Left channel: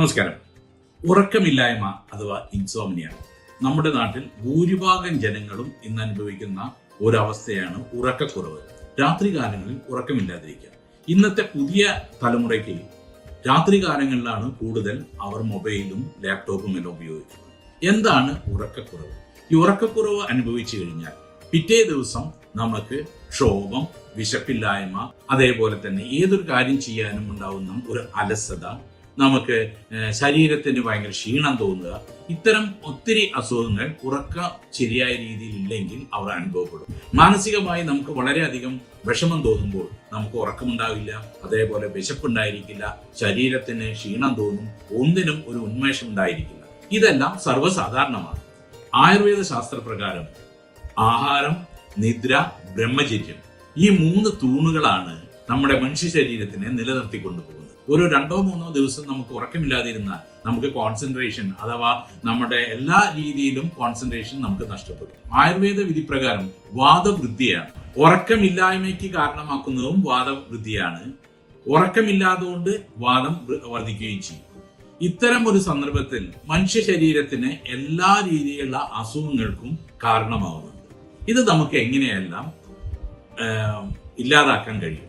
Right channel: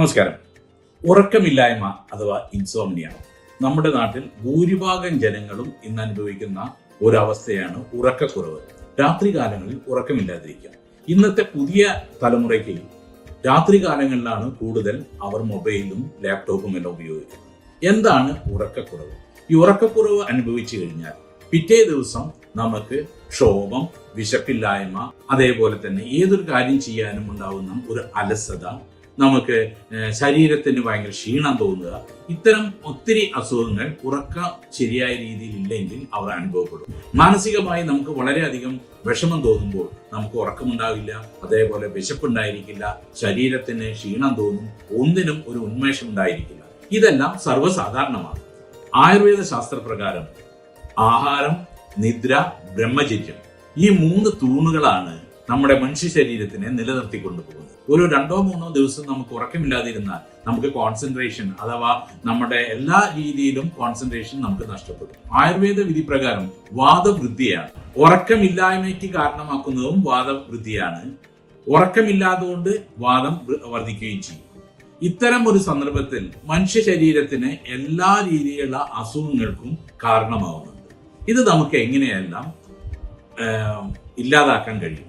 നമസ്കാരം. ഉറക്കമില്ലായ്മ അഥവാ ഇൻസോംനിയ നമ്മുടെ നാട്ടിൽ ഭൂരിഭാഗം ജനങ്ങളും ഇന്ന് അനുഭവിക്കുന്ന ഒരവസ്ഥയാണ് ഉറക്കക്കുറവ്. രാത്രികാലങ്ങളിൽ ഉറക്കമില്ലാതിരിക്കുക. ഇന്നത്തെ പുതിയ തലമുറയ്ക്ക് രാത്രികാലങ്ങളിലാണ് കൂടുതൽ അവർ മൊബൈലും ലാപ്ടോപ്പും എല്ലാം ഉപയോഗിക്കുന്നത്. എന്താണ് ഉറക്കക്കുറവ്? ഈ ഉറക്കക്കുറവ് അനുഭവിച്ചു കഴിഞ്ഞാൽ പിറ്റേ ദിവസം നമുക്ക് ക്ഷോഭം, വിശപ്പില്ലായ്മ, അതേപോലെ തന്നെ ഏതൊരു കാര്യം ചെയ്യാനും ഉണ്ടാവുന്ന ഒരു അലസത, നമുക്ക് ശരീരത്തിന് ഭയങ്കര ക്ഷീണം തോന്നുക, ഇത്തരം ഒത്തിരി അസുഖങ്ങൾ ശരിയായ രീതിയിൽ ഇല്ലെങ്കിൽ അവർ അനുഭവപ്പെടും. മാനസികമായി നമുക്ക് വളരെയധികം വിഷമം തോന്നുമ്പോൾ നമുക്ക് ഉറക്കമുണ്ടാവില്ല, അതേപോലെ വിശപ്പുണ്ടായിരിക്കില്ല, ശരീരത്തിന് ക്ഷീണം തോന്നും, ഒന്നിനും ഒരു ഉന്മേഷം ഉണ്ടായിരിക്കില്ല. ഇതെല്ലാം സർവ്വസാധാരണമാണ്. ആയുർവേദ ശാസ്ത്രപ്രകാരം ആഹാരം, നിദ്ര, ബ്രഹ്മചര്യം ഈ 3 തൂണുകളാണ് നമ്മുടെ മനുഷ്യ ശരീരത്തിനെ നിലനിർത്തിക്കൊണ്ടുപോകുന്നത്. ഒരു 2-3 ദിവസം നമുക്ക് ഉറക്കമില്ലാതിരുന്നാൽ നമുക്ക് കോൺസെൻട്രേഷൻ അഥവാ നമ്മുടെ എല്ലാ രീതിയിലും കോൺസെൻട്രേഷൻ നമുക്ക് നഷ്ടപ്പെടും. ആയുർവേദ വിധി പ്രകാരം വാദവൃദ്ധിയാണ്. ഉറക്കമില്ലായ്മയ്ക്ക് കാരണമാക്കുന്നതും വാദവൃദ്ധിയാണ്. ഉറക്കമില്ലാതുകൊണ്ട് വാദം വർദ്ധിക്കുകയും ചെയ്യും. ഇത്തരം ഒരു സന്ദർഭത്തിൽ മനുഷ്യ ശരീരത്തിന് എല്ലാ രീതിയിലുള്ള അസുഖങ്ങൾക്കും കാരണമാകുന്നുണ്ട്. ഇത് നമുക്ക് എങ്ങനെയെല്ലാം ഇല്ലാതാക്കാൻ കഴിയും?